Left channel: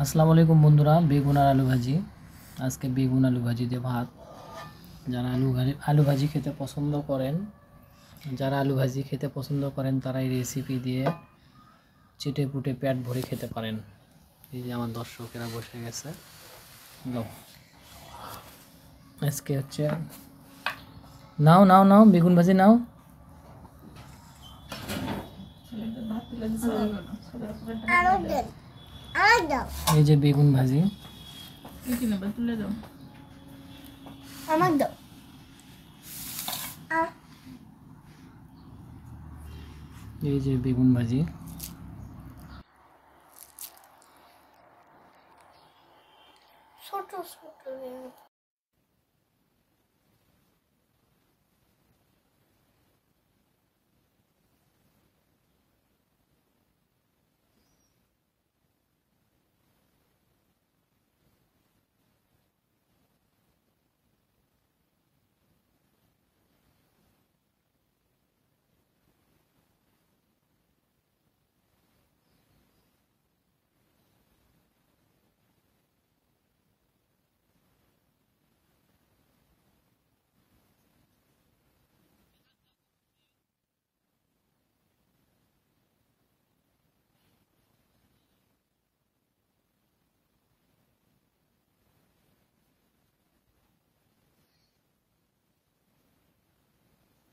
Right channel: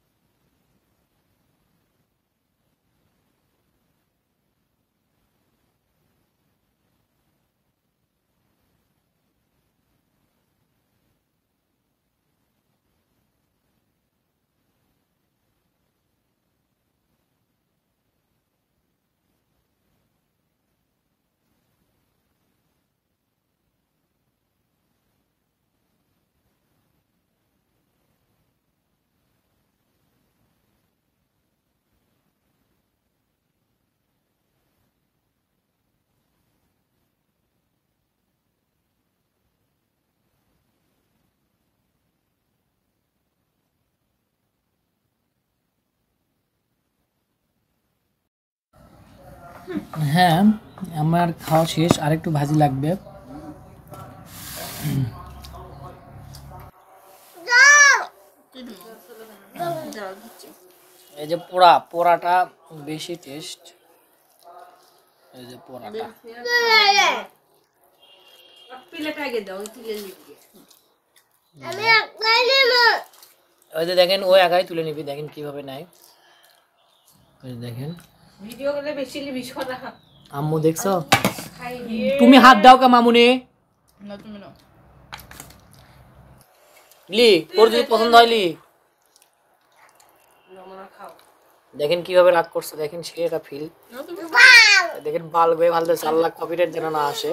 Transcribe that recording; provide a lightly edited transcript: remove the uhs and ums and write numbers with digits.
আসসালামু আলাইকুম বন্ধুরা, বেগুন আর আলু ভাজি। আজকে বেগুন আলু ভাজি দিয়ে ভাত। যারা আলু ভাজি খেতে পছন্দ করেন তারা এই রেসিপি দিয়ে চেটে পুটে পেট ভরে খেতে পারেন। এই যে আমার দর্শকেরা বসে গেছে। আজকে হচ্ছে নাও নাও নাও বেগুন ভাজি নাও। এই যে বেগুন ভাজি, এই যে বেগুন ভাজি। হ্যাঁ, আমার খাওয়া শেষ, আরেকটু ভাজি লাগবে। এই যে পোড়াটা বেশি টেস্ট। এই যে পোড়াটা, ওই যে দেখেন, ও একাই তুলে নিবি, দেখেন কিভাবে নেয়। ওই দেখেন, আম্মু দেখছো? তুমি হাত দাও কা মামুনি। লি, তোর যদি পছন্দ হয় লি। দেখেন কিভাবে রাগ করছে, দেখেন সে এটা ফিল। দেখেন ভালো ভালো 4 লাখ কপিরাইট যেন না আসে।